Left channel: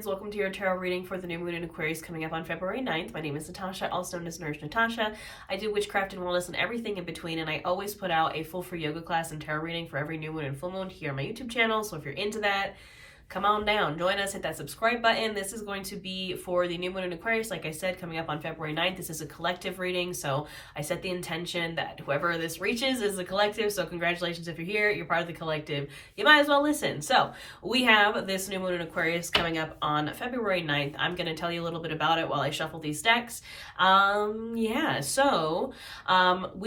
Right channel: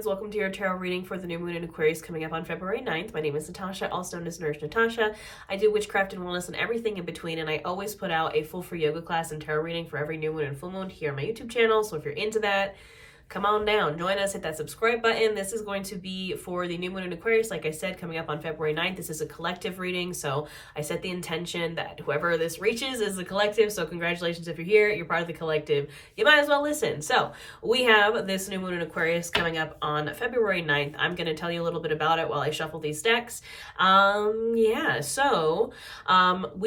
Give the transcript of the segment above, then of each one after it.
friends, welcome to your tarot reading for the new moon in Aquarius coming up on February 9th. My name is Natasha, also known as Nourish Natasha. I do witchcraft and wellness and everything in between, and I always put out a full free yoga class and tarot reading for every new moon and full moon here on my YouTube channel. So if you're into that, come on down, join us, hit that subscribe button. This is going to be for the new moon in Aquarius, like I said, coming up on February 9th. This is a collective reading, so I set the intention that whoever this reaches is the collective, so congratulations if you're here, you're part of the collective. You might as well listen. So we have this new moon in Aquarius coming up on February 9th. I'm going to tell you a little bit about it while I shuffle these decks. We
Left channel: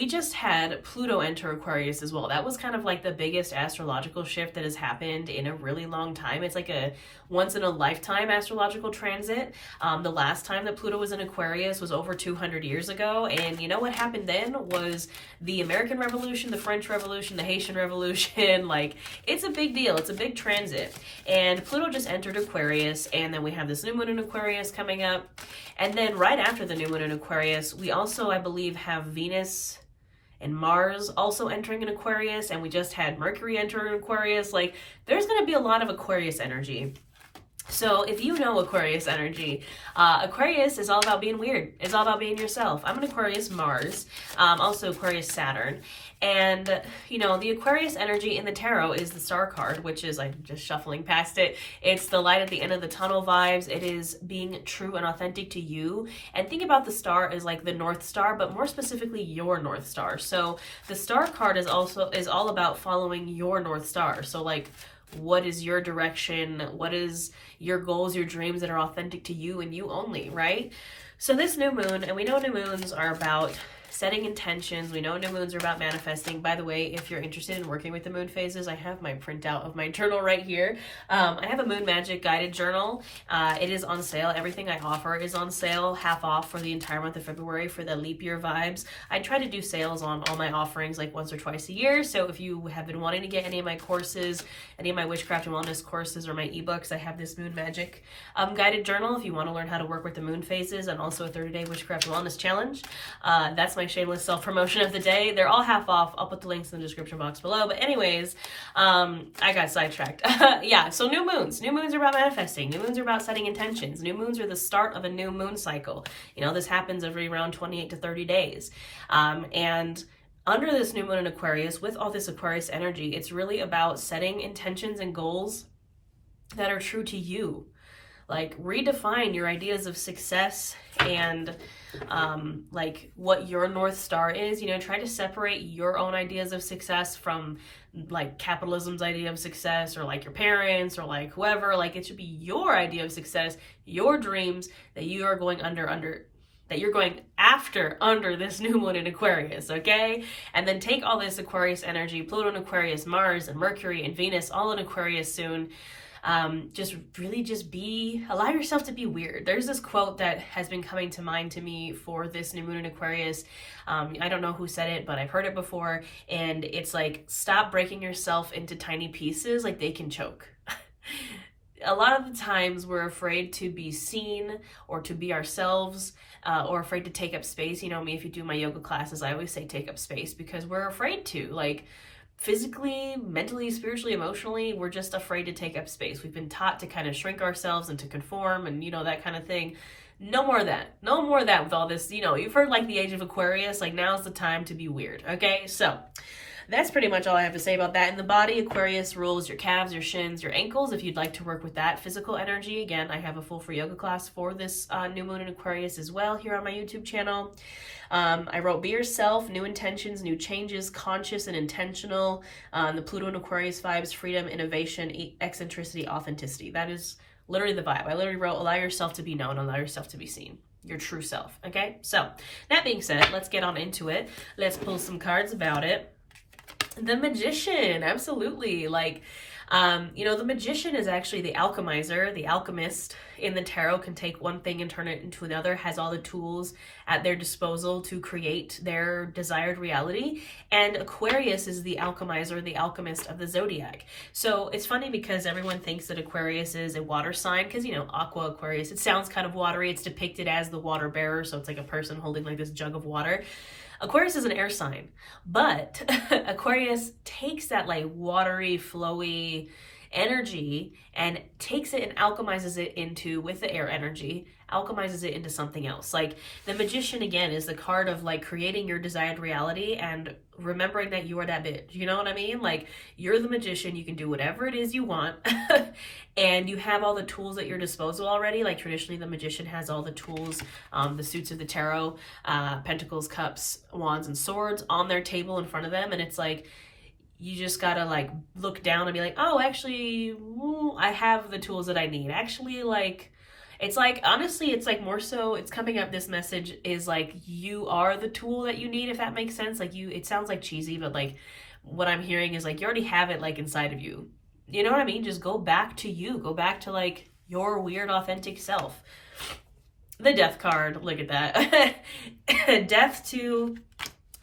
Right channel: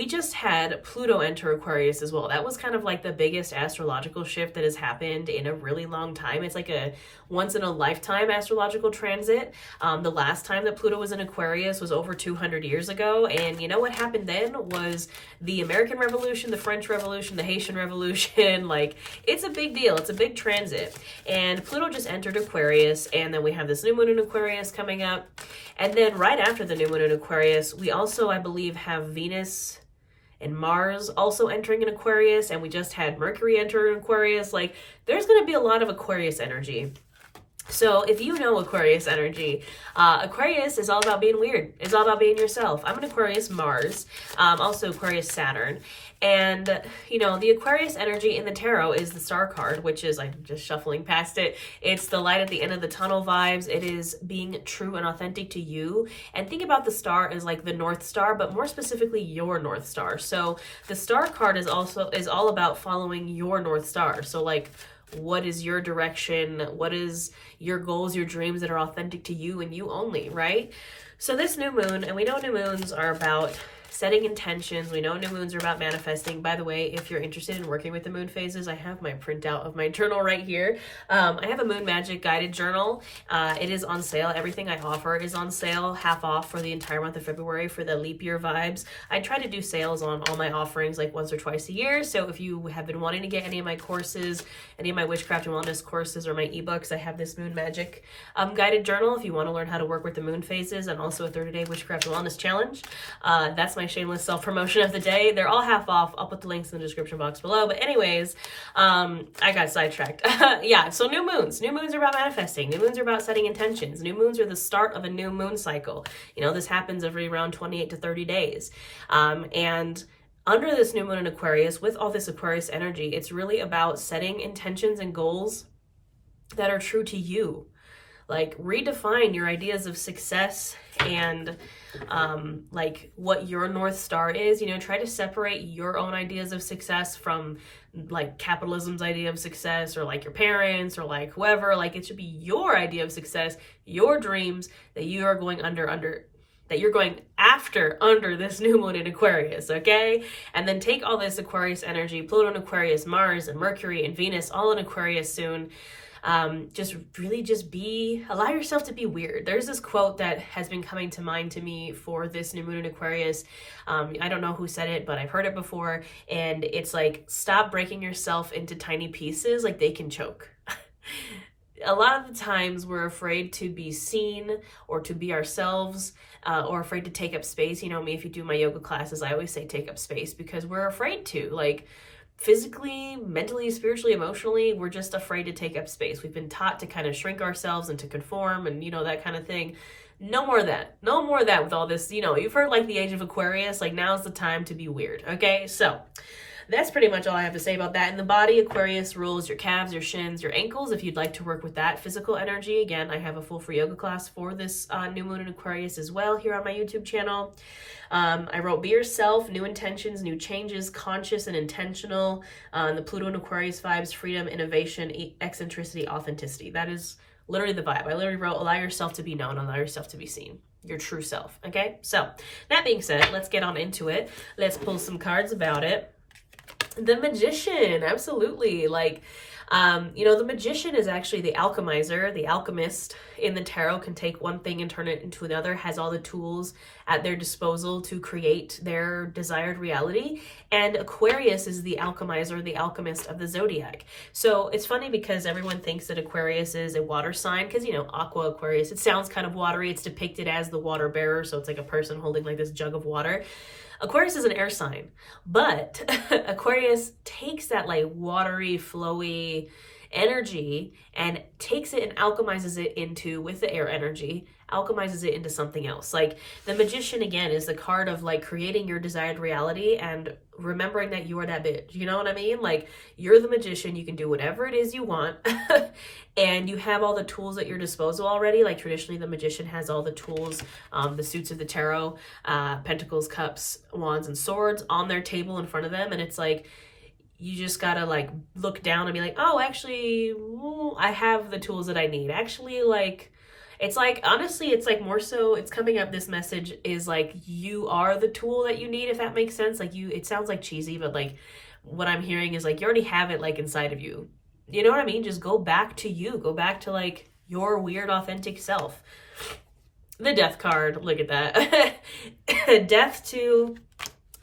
just had Pluto enter Aquarius as well. That was kind of like the biggest astrological shift that has happened in a really long time. It's like a once in a lifetime astrological transit. The last time that Pluto was in Aquarius was over 200 years ago. And you know what happened then was the American Revolution, the French Revolution, the Haitian Revolution. Like, it's a big deal. It's a big transit. And Pluto just entered Aquarius. And then we have this new moon in Aquarius coming up. And then right after the new moon in Aquarius, we also, I believe, have Venus and Mars also entering in Aquarius, and we just had Mercury enter in Aquarius. Like, there's going to be a lot of Aquarius energy. So if you know Aquarius energy, Aquarius is all about being weird. It's all about being yourself. I'm an Aquarius Mars, also Aquarius Saturn. And, you know, the Aquarius energy in the tarot is the star card, which is, I'm just shuffling past it. It's the light at the end of the tunnel vibes. It is being true and authentic to you. And think about the star as like the North Star, but more specifically your North Star. So the star card is all about following your North Star. So like, what is your direction? What is your goals, your dreams that are authentic to you and you only, right? So this new moon, and we know new moons are about setting intentions. We know new moons are about manifesting. By the way, if you're interested in working with the moon phases, I have my printout of my journal right here. I have a Moon Magic guided journal. It is on sale. Everything I offer is on sale, half off for the entire month of February for the leap year vibes. I try to do sales on all my offerings like once or twice a year. So if you have been wanting to get any of my courses, any of my witchcraft and wellness courses or my ebooks, I have this Moon Magic guided journal if you want to learn how to work with the moon phases, and also a 30-day witchcraft and wellness challenge. That's my shameless self-promotion of the day. They're all half off. I'll put the links in the description box below. But anyways, I got sidetracked. Yeah, so new moons. New moons are about manifesting. New moons are about setting intentions. New moons are the start of a new moon cycle. You know, this happens every around 28 to 30 days. And under this new moon in Aquarius, with all this Aquarius energy, it's really about setting intentions and goals that are true to you. Like, redefine your ideas of success and like what your North Star is. You know, try to separate your own ideas of success from like capitalism's idea of success, or like your parents, or like whoever. Like, it should be your idea of success, your dreams that you are going that you're going after under this new moon in Aquarius, okay? And then take all this Aquarius energy, Pluto in Aquarius, Mars and Mercury and Venus all in Aquarius soon. Allow yourself to be weird. There's this quote that has been coming to mind to me for this new moon in Aquarius. I don't know who said it, but I've heard it before. And it's like, stop breaking yourself into tiny pieces like they can choke. A lot of the times we're afraid to be seen or to be ourselves, or afraid to take up space. You know me, if you do my yoga classes, I always say take up space because we're afraid to. Like, physically, mentally, spiritually, emotionally, we're just afraid to take up space. We've been taught to kind of shrink ourselves and to conform and, you know, that kind of thing. No more of that. No more of that with all this. You know, you've heard like the age of Aquarius, like now's the time to be weird. Okay, so that's pretty much all I have to say about that. In the body, Aquarius rules your calves, your shins, your ankles. If you'd like to work with that physical energy, again, I have a full free yoga class for this new moon in Aquarius as well here on my YouTube channel. I wrote Be Yourself, New Intentions, New Changes, Conscious and Intentional. The Pluto and Aquarius vibes, freedom, innovation, eccentricity, authenticity. That is literally the vibe. I literally wrote allow yourself to be known, allow yourself to be seen. Your true self, okay? So that being said, let's get on into it. Let's pull some cards about it. The Magician, absolutely. Like, you know, the Magician is actually the alchemizer, the alchemist in the tarot. Can take one thing and turn it into another, has all the tools at their disposal to create their desired reality. And Aquarius is the alchemizer, the alchemist of the zodiac. So it's funny because everyone thinks that Aquarius is a water sign because, you know, Aqua Aquarius, it sounds kind of watery. It's depicted as the water bearer. So it's like a person holding like this jug of water. Aquarius is an air sign, but Aquarius takes that like watery, flowy, energy and takes it and alchemizes it into, with the air energy, alchemizes it into something else. Like the Magician, again, is the card of like creating your desired reality and remembering that you are that bitch. You know what I mean? Like you're the magician. You can do whatever it is you want. And you have all the tools at your disposal already. Like traditionally the magician has all the tools, the suits of the tarot, pentacles, cups, wands, and swords on their table in front of them. And it's like, you just gotta like look down and be like, oh, actually, I have the tools that I need. Actually, like, it's like, honestly, it's like more so, it's coming up, this message is like, you are the tool that you need, if that makes sense. Like it sounds like cheesy, but like what I'm hearing is like, you already have it like inside of you. You know what I mean? Just go back to you. Go back to like your weird, authentic self. The Death card, look at that. Death to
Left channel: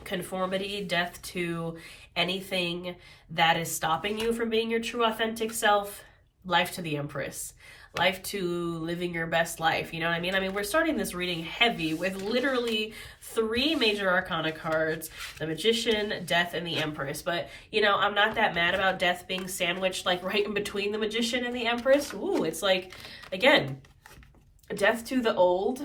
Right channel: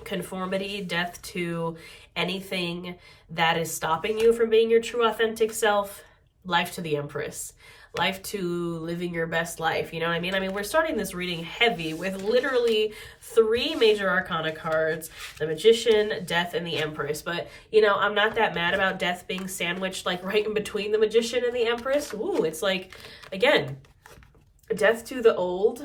conformity, death to anything that is stopping you from being your true, authentic self. Life to the Empress. Life to living your best life. You know what I mean? I mean, we're starting this reading heavy with literally 3 major arcana cards: the Magician, Death, and the Empress. But, you know, I'm not that mad about Death being sandwiched like right in between the Magician and the Empress. Ooh, it's like, again, death to the old,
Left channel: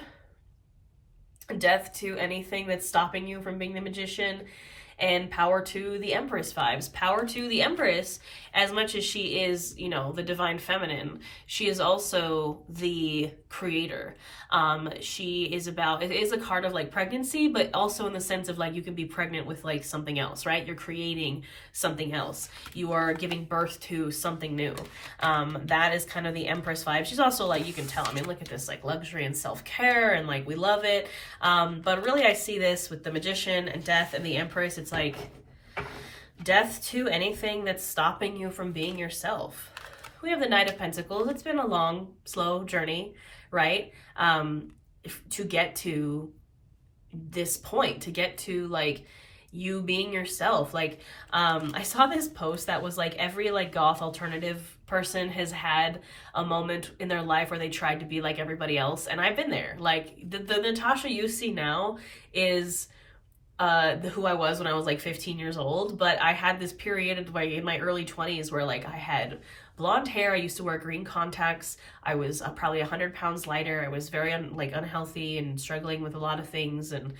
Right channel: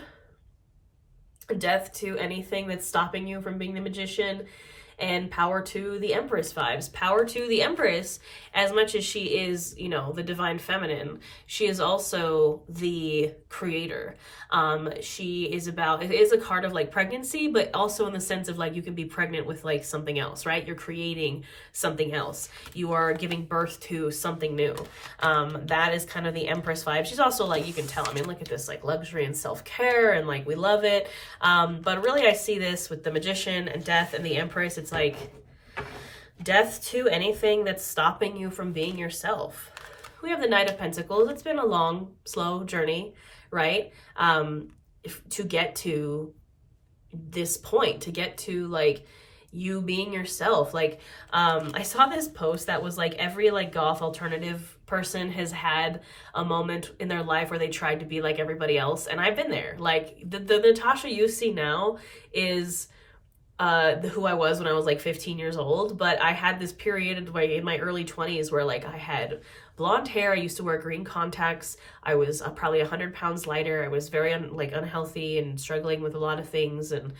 death to anything that's stopping you from being the Magician, and power to the Empress vibes. Power to the Empress, as much as she is, you know, the divine feminine, she is also the creator. She is about, it is a card of like pregnancy, but also in the sense of like, you can be pregnant with like something else, right? You're creating something else. You are giving birth to something new. That is kind of the Empress vibe. She's also like, you can tell, I mean, look at this, like luxury and self-care, and like, we love it. But really I see this with the Magician and Death and the Empress. It's like death to anything that's stopping you from being yourself. We have the Knight of Pentacles. It's been a long, slow journey, right? To get to this point, to get to like you being yourself. Like, I saw this post that was like, every like goth alternative person has had a moment in their life where they tried to be like everybody else. And I've been there. Like the Natasha you see now is who I was when I was like 15 years old. But I had this period in my early 20s where like I had blonde hair. I used to wear green contacts. I was probably 100 pounds lighter. I was very unhealthy and struggling with a lot of things, and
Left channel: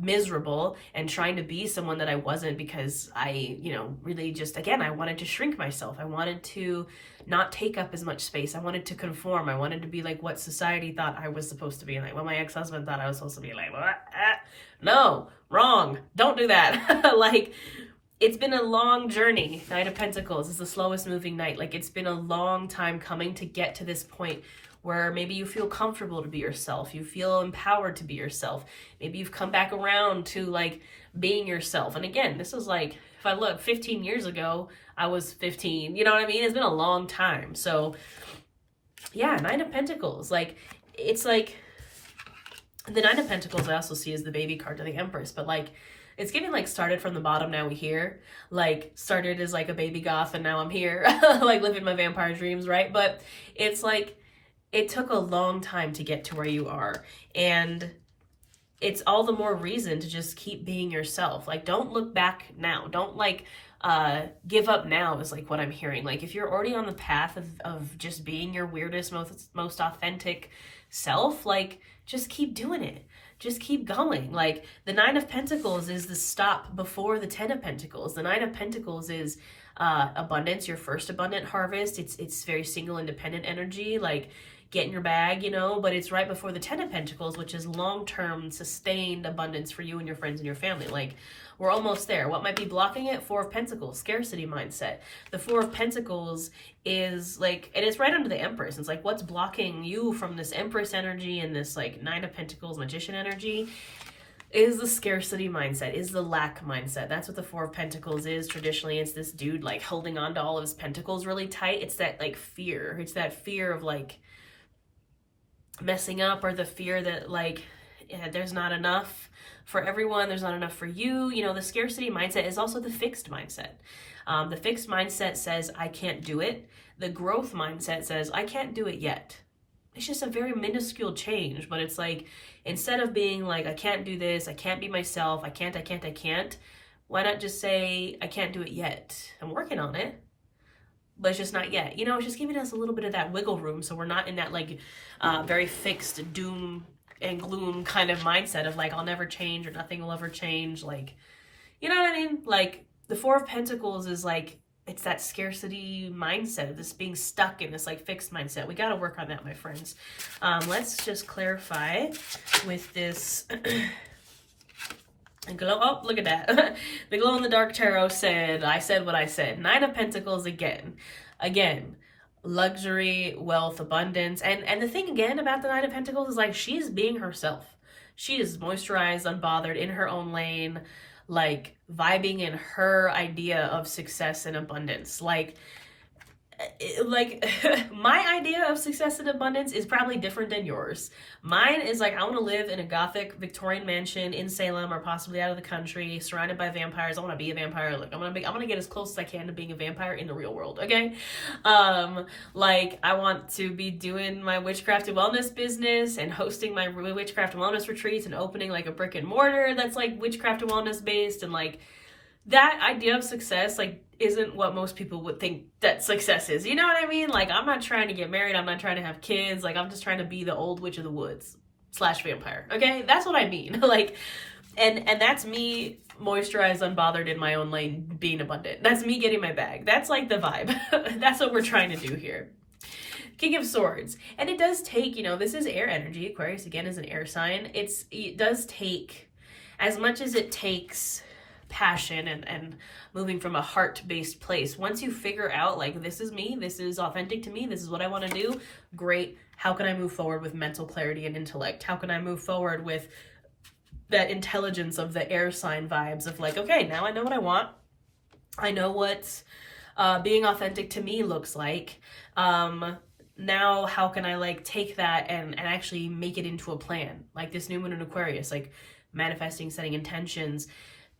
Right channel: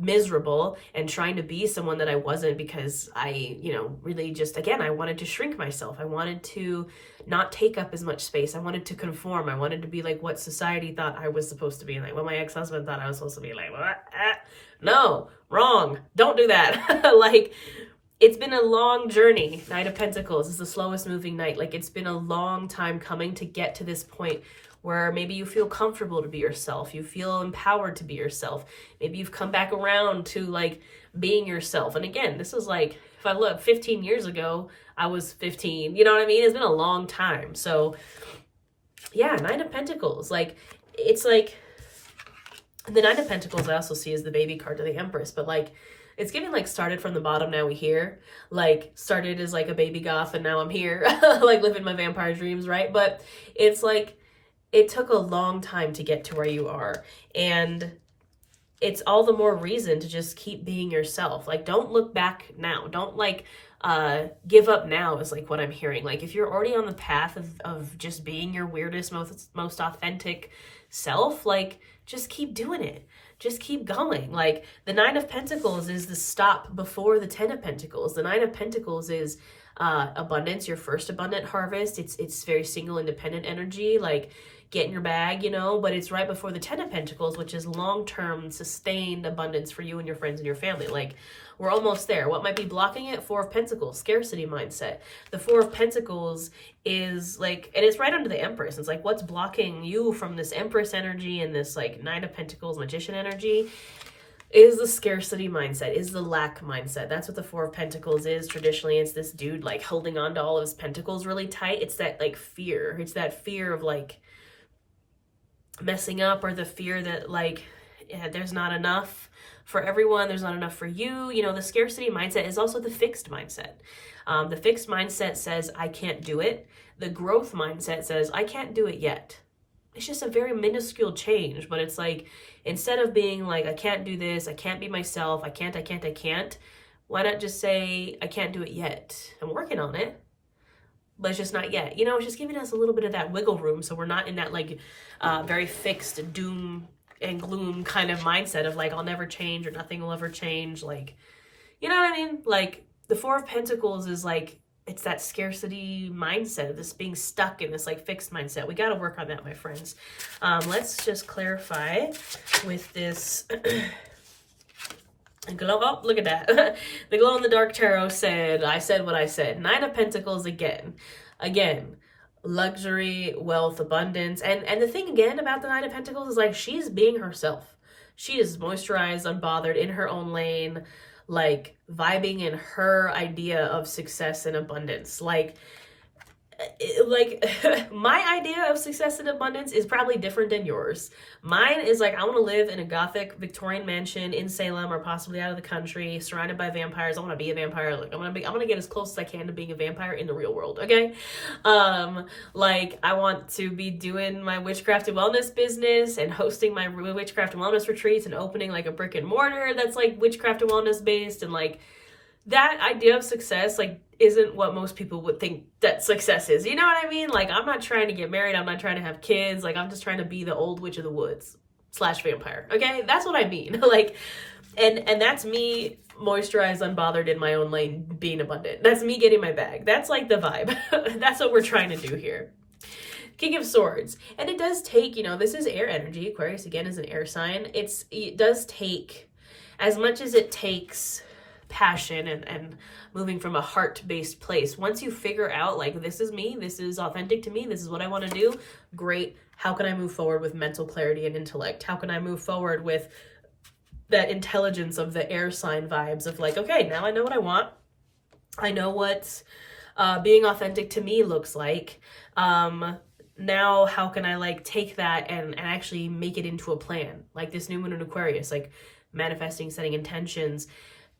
miserable, and trying to be someone that I wasn't, because I, you know, really just, again, I wanted to shrink myself. I wanted to not take up as much space. I wanted to conform. I wanted to be like what society thought I was supposed to be, like what my ex-husband thought I was supposed to be, like, what? No, wrong. Don't do that. Like, it's been a long journey. Knight of Pentacles is the slowest moving knight. Like, it's been a long time coming to get to this point where maybe you feel comfortable to be yourself. You feel empowered to be yourself. Maybe you've come back around to like being yourself. And again, this is like, if I look 15 years ago, I was 15. You know what I mean? It's been a long time. So yeah, Knight of Pentacles. Like, it's like the Knight of Pentacles I also see as the baby card to the Empress. But like, it's giving like started from the bottom, now we here. Like, started as like a baby goth and now I'm here. Like living my vampire dreams, right? But it's like, it took a long time to get to where you are. And it's all the more reason to just keep being yourself. Like, don't look back now. Don't like give up now is like what I'm hearing. Like, if you're already on the path of just being your weirdest, most authentic self, like, just keep doing it. Just keep going. Like, the Nine of Pentacles is the stop before the 10 of Pentacles. The Nine of Pentacles is abundance, your first abundant harvest. It's very single, independent energy, like get in your bag, you know, but it's right before the 10 of Pentacles, which is long-term sustained abundance for you and your friends and your family. Like, we're almost there. What might be blocking it? 4 of Pentacles, scarcity mindset. The 4 of Pentacles is like, and it's right under the Empress. It's like, what's blocking you from this Empress energy and this like 9 of Pentacles magician energy is the scarcity mindset, is the lack mindset. That's what the 4 of Pentacles is. Traditionally, it's this dude like holding on to all of his pentacles really tight. It's that like fear. It's that fear of like messing up, or the fear that like, yeah, there's not enough for everyone, there's not enough for you. You know, the scarcity mindset is also the fixed mindset. The fixed mindset says, I can't do it. The growth mindset says, I can't do it yet. It's just a very minuscule change, but it's like, instead of being like, I can't do this, I can't be myself, I can't, why not just say, I can't do it yet? I'm working on it. but it's just not yet. You know, it's just giving us a little bit of that wiggle room so we're not in that like very fixed doom and gloom kind of mindset of like, I'll never change or nothing will ever change. Like, you know what I mean? Like the Four of Pentacles is like, it's that scarcity mindset of this being stuck in this like fixed mindset. We got to work on that, my friends. Let's just clarify with this. Glow, oh, look at that. The Glow in the Dark Tarot said, I said what I said. Nine of Pentacles again. Again, luxury, wealth, abundance. And the thing again about the Nine of Pentacles is like, she's being herself. She is moisturized, unbothered, in her own lane, like vibing in her idea of success and abundance. Like my idea of success and abundance is probably different than yours. Mine is like, I want to live in a gothic Victorian mansion in Salem or possibly out of the country, surrounded by vampires. I want to be a vampire. Like I'm gonna get as close as I can to being a vampire in the real world. Okay. Like I want to be doing my witchcraft and wellness business and hosting my witchcraft and wellness retreats and opening like a brick and mortar that's like witchcraft and wellness based. And like that idea of success, like, isn't what most people would think that success is. You know what I mean? Like, I'm not trying to get married. I'm not trying to have kids. Like, I'm just trying to be the old witch of the woods / vampire. Okay? That's what I mean. Like, and that's me moisturized, unbothered in my own lane, being abundant. That's me getting my bag. That's like the vibe. That's what we're trying to do here. King of Swords. And it does take, you know, this is air energy. Aquarius, again, is an air sign. It does take, as much as it takes passion and moving from a heart-based place. Once you figure out like, this is me, this is authentic to me, this is what I want to do, great. How can I move forward with mental clarity and intellect? How can I move forward with that intelligence of the air sign vibes of like, okay, now I know what I want. I know what being authentic to me looks like. Now how can I like take that and actually make it into a plan? Like this new moon in Aquarius, like manifesting, setting intentions,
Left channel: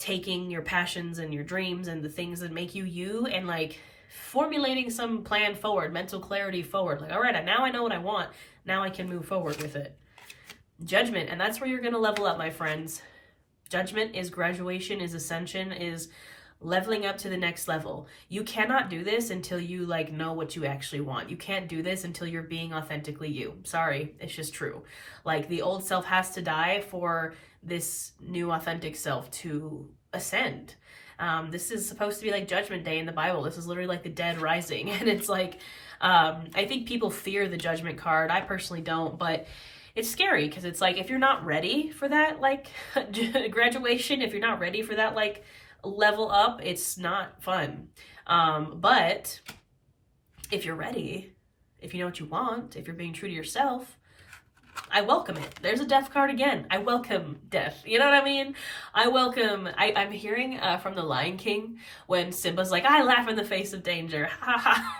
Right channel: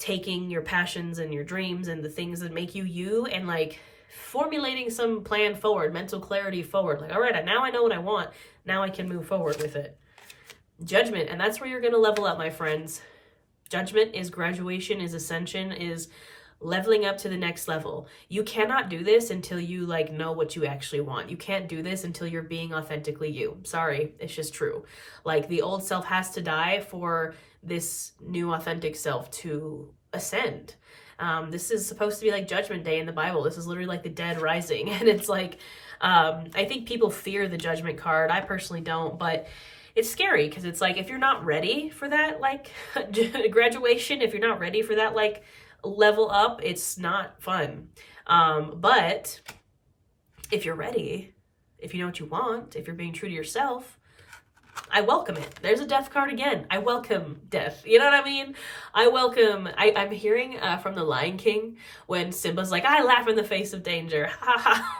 taking your passions and your dreams and the things that make you you and like formulating some plan forward, mental clarity forward. Like, all right, now I know what I want. Now I can move forward with it. Judgment. And that's where you're going to level up, my friends. Judgment is graduation, is ascension, is leveling up to the next level. You cannot do this until you like know what you actually want. You can't do this until you're being authentically you. Sorry, it's just true. Like the old self has to die for this new authentic self to ascend. This is supposed to be like Judgment Day in the Bible. This is literally like the dead rising. And it's like, I think people fear the Judgment card. I personally don't, but it's scary because it's like, if you're not ready for that, like graduation, if you're not ready for that, like level up, it's not fun. But if you're ready, if you know what you want, if you're being true to yourself, I welcome it. There's a death card again. I welcome death. You know what I mean? I'm hearing from the Lion King when Simba's like, I laugh in the face of danger.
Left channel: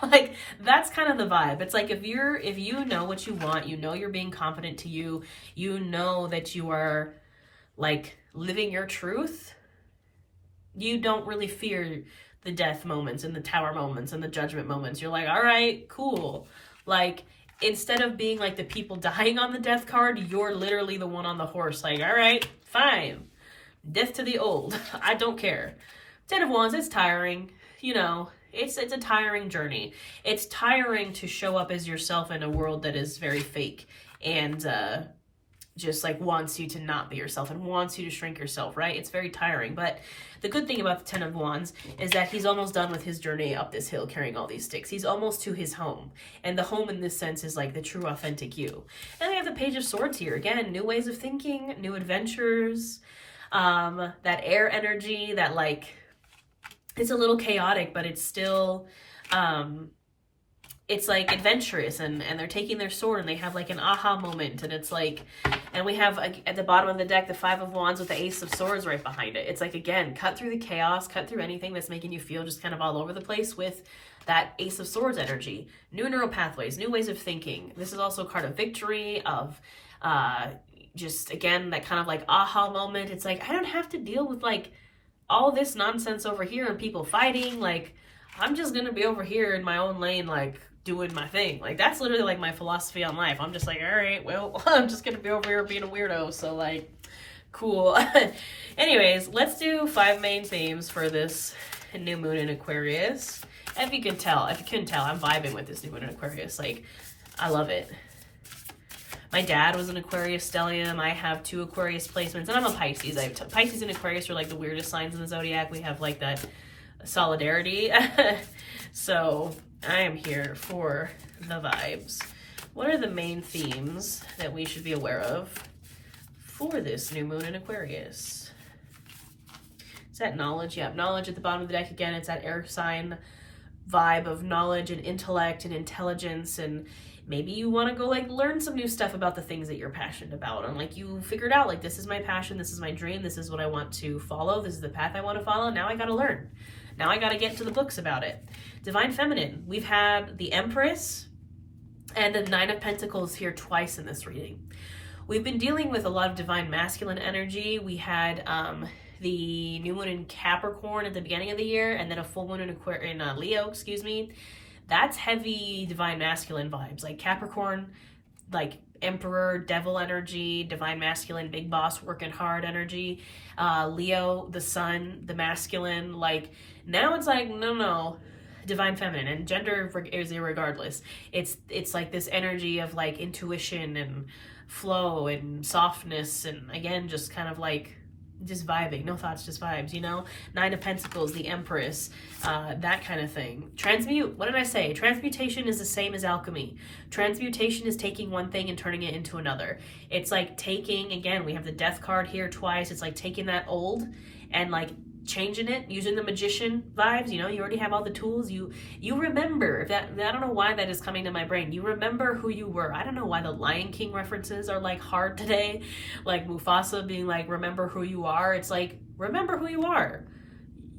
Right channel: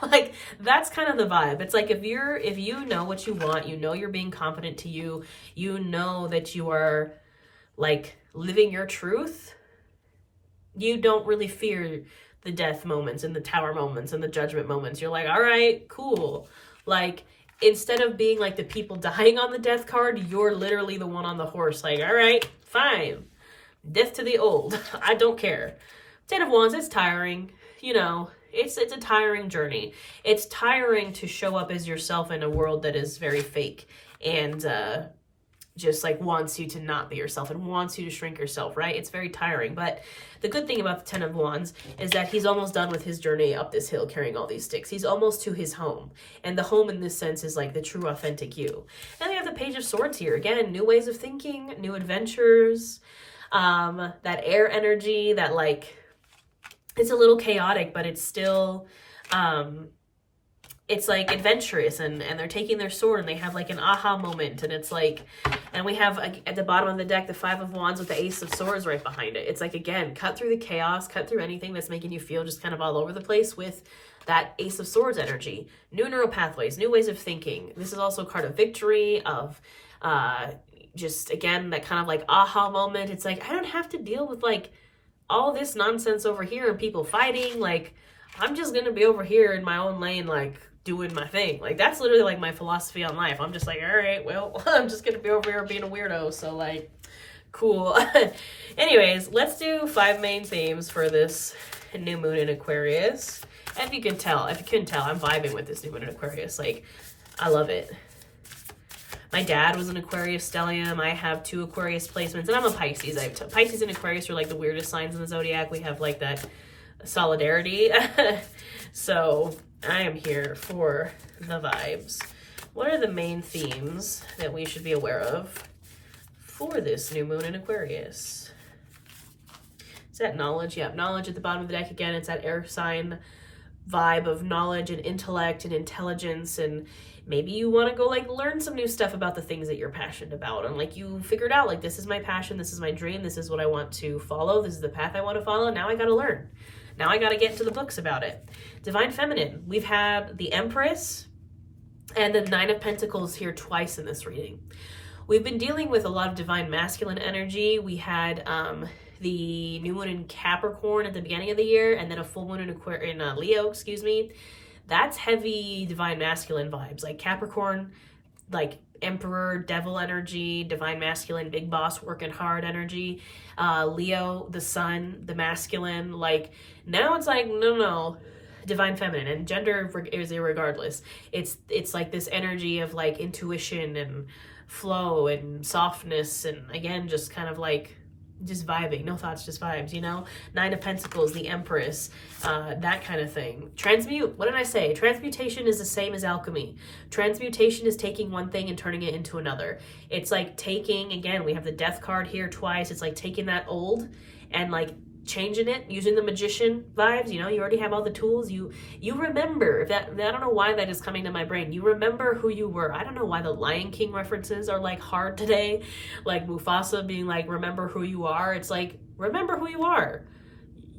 Like, that's kind of the vibe. It's like, if you know what you want, you know you're being confident to you, you know that you are like living your truth, you don't really fear the death moments and the tower moments and the judgment moments. You're like, all right, cool. Like, instead of being like the people dying on the death card, you're literally the one on the horse. Like, all right, fine. Death to the old. I don't care. 10 of Wands, it's tiring. You know, it's a tiring journey. It's tiring to show up as yourself in a world that is very fake and just like wants you to not be yourself and wants you to shrink yourself, right? It's very tiring. But the good thing about the 10 of Wands is that he's almost done with his journey up this hill carrying all these sticks. He's almost to his home. And the home in this sense is like the true authentic you. And we have the Page of Swords here. Again, new ways of thinking, new adventures, that air energy that like, it's a little chaotic, but it's still, it's like adventurous and they're taking their sword and they have like an aha moment. And it's like, and we have at the bottom of the deck, the 5 of Wands with the Ace of Swords right behind it. It's like, again, cut through the chaos, cut through anything that's making you feel just kind of all over the place with that Ace of Swords energy. New neural pathways, new ways of thinking. This is also a card of victory, of just, again, that kind of like aha moment. It's like, I don't have to deal with like all this nonsense over here and people fighting. Like, I'm just going to be over here in my own lane, like, doing my thing. Like, that's literally like my philosophy on life. I'm just like, all right, well, I'm just gonna be over here being a weirdo, so like, cool. Anyways, let's do 5 main themes for this new moon in Aquarius, if you couldn't tell, I'm vibing with this new moon in Aquarius. Like, I love it. My dad was an Aquarius stellium. I have 2 Aquarius placements, and I'm a Pisces. Pisces and Aquarius are like the weirdest signs in the zodiac. We have like that solidarity. So I am here for the vibes. What are the main themes that we should be aware of for this new moon in Aquarius? Is that knowledge? Yeah, knowledge at the bottom of the deck again. It's that air sign vibe of knowledge and intellect and intelligence, and maybe you want to go like learn some new stuff about the things that you're passionate about, and like you figured out like, this is my passion, this is my dream, this is what I want to follow, this is the path I want to follow. Now I got to learn. Now I got to get into the books about it. Divine Feminine. We've had the Empress and the 9 of Pentacles here twice in this reading. We've been dealing with a lot of Divine Masculine energy. We had the new moon in Capricorn at the beginning of the year, and then a full moon in Leo, excuse me. That's heavy Divine Masculine vibes. Like Capricorn, like Emperor, Devil energy, Divine Masculine, big boss, working hard energy. Leo, the Sun, the masculine. Like, now it's like, no, Divine Feminine, and gender is irregardless. It's like this energy of like intuition and flow and softness, and again, just kind of like just vibing, no thoughts, just vibes, you know? 9 of Pentacles, the Empress, that kind of thing. Transmute, what did I say? Transmutation is the same as alchemy. Transmutation is taking one thing and turning it into another. It's like taking, again, we have the Death card here twice. It's like taking that old and like changing it, using the magician vibes. You know, you already have all the tools. You remember that. I don't know why that is coming to my brain. You remember who you were. I don't know why the Lion King references are like hard today, like Mufasa being like, remember who you are. It's like, remember who you are.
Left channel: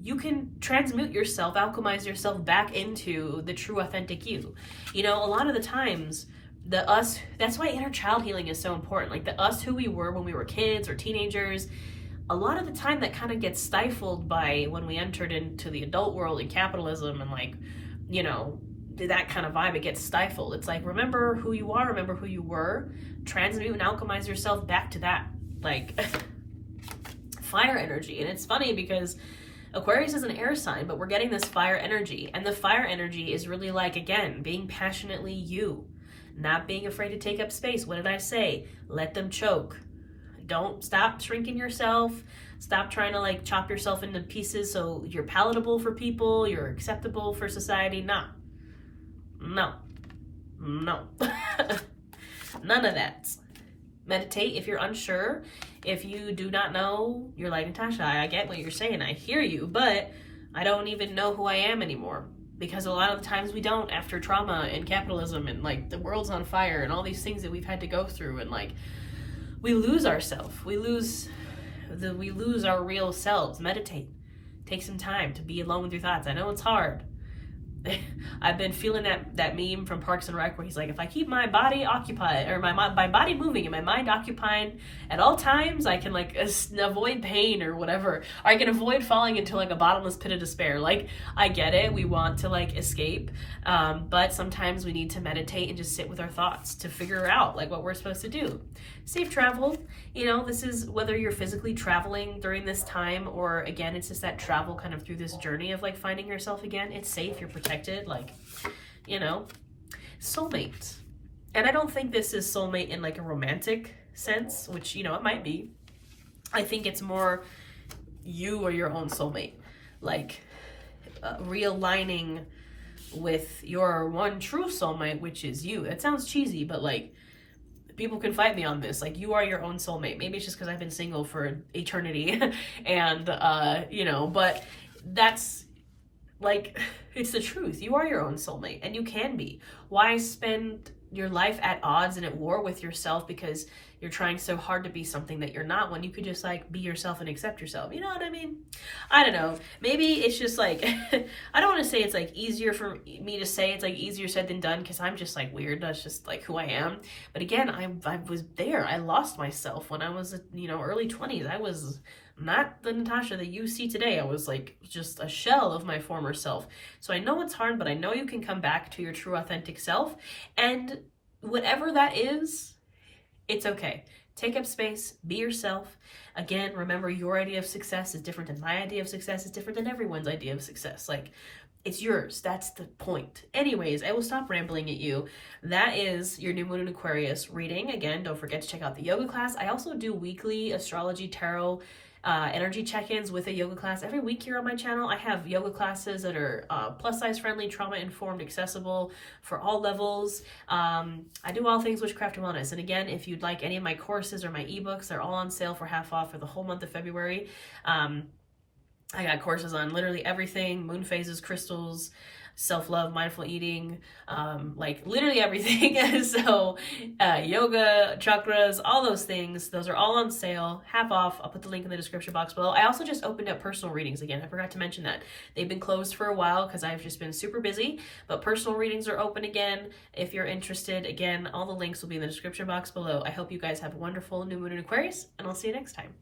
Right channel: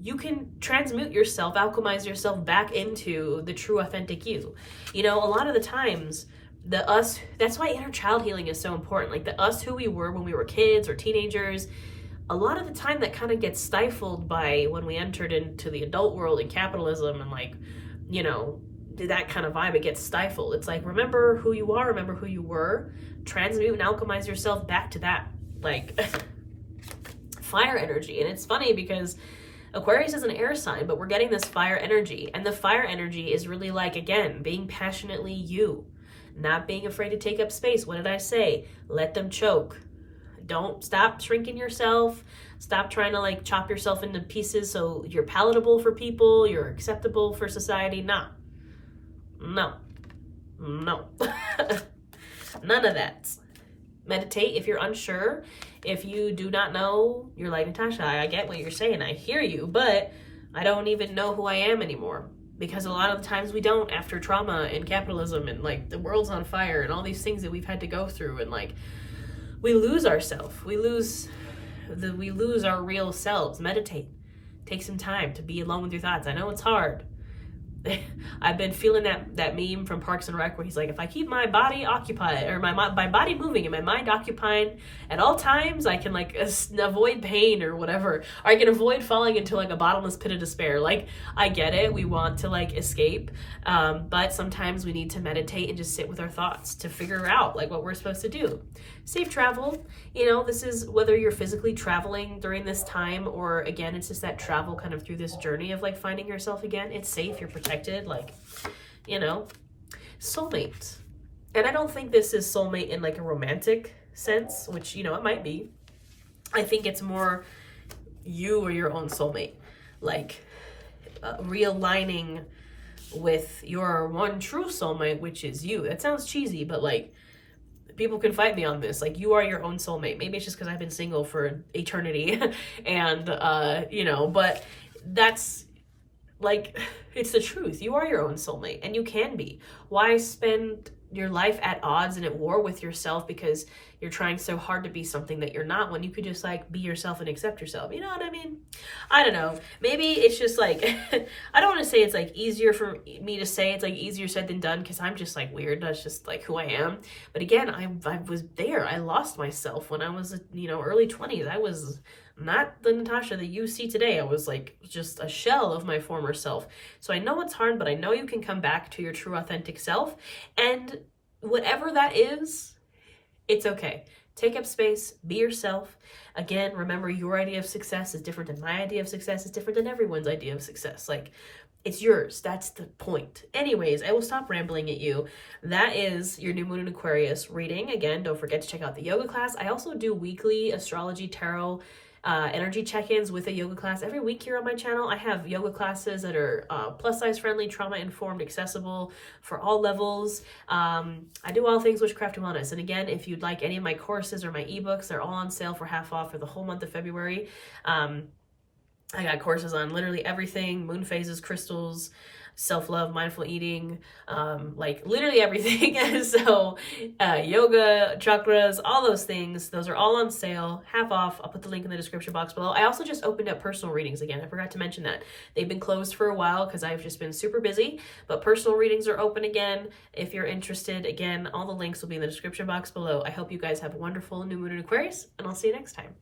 You can transmute yourself, alchemize yourself back into the true authentic you. You know, a lot of the times the us, that's why inner child healing is so important. Like the us who we were when we were kids or teenagers, a lot of the time that kind of gets stifled by when we entered into the adult world and capitalism and like, you know, that kind of vibe. It gets stifled. It's like, remember who you are, remember who you were, transmute and alchemize yourself back to that, like fire energy. And it's funny because Aquarius is an air sign, but we're getting this fire energy, and the fire energy is really like, again, being passionately you, not being afraid to take up space. What did I say? Let them choke. Don't stop shrinking yourself. Stop trying to like chop yourself into pieces so you're palatable for people, you're acceptable for society. No. None of that. Meditate if you're unsure. If you do not know, you're like, Natasha, I get what you're saying. I hear you, but I don't even know who I am anymore. Because a lot of the times we don't, after trauma and capitalism and like the world's on fire and all these things that we've had to go through, and like we lose ourselves. We lose our real selves. Meditate. Take some time to be alone with your thoughts. I know it's hard. I've been feeling that meme from Parks and Rec where he's like, if I keep my body occupied, or my body moving and my mind occupied at all times, I can like avoid pain or whatever. Or I can avoid falling into like a bottomless pit of despair. Like, I get it. We want to like escape. But sometimes we need to meditate and just sit with our thoughts to figure out like what we're supposed to do. Safe travel. You know, this is whether you're physically traveling during this time, or again, it's just that travel kind of through this journey of like finding yourself again. It's safe. You're protected. Like, you know, soulmate. And I don't think this is soulmate in like a romantic sense, which, you know, it might be. I think it's more you or your own soulmate, like realigning with your one true soulmate, which is you. That sounds cheesy, but like, people can fight me on this. Like, you are your own soulmate. Maybe it's just because I've been single for eternity and, you know, but that's like, it's the truth. You are your own soulmate, and you can be. Why spend your life at odds and at war with yourself because you're trying so hard to be something that you're not, when you could just like be yourself and accept yourself? You know what I mean? I don't know. Maybe it's just like, I don't want to say it's like easier for me to say, it's like easier said than done, because I'm just like weird. That's just like who I am. But again, I was there. I lost myself when I was, you know, early 20s. I was not the Natasha that you see today. I was like just a shell of my former self. So I know it's hard, but I know you can come back to your true authentic self, and whatever that is, it's okay. Take up space, be yourself. Again, remember, your idea of success is different than my idea of success, is different than everyone's idea of success. Like, It's yours. That's the point. Anyways, I will stop rambling at you. That is your new moon in Aquarius reading. Again, don't forget to check out the yoga class. I also do weekly astrology, tarot, energy check-ins with a yoga class every week here on my channel. I have yoga classes that are plus size friendly, trauma informed, accessible for all levels. I do all things witchcraft and wellness. And again, if you'd like any of my courses or my ebooks, they're all on sale for half off for the whole month of February. I got courses on literally everything: moon phases, crystals, self-love, mindful eating, like literally everything. So yoga, chakras, all those things, those are all on sale, half off. I'll put the link in the description box below. I also just opened up personal readings again. I forgot to mention that. They've been closed for a while because I've just been super busy, but personal readings are open again. If you're interested, again, all the links will be in the description box below. I hope you guys have a wonderful new moon in Aquarius, and I'll see you next time.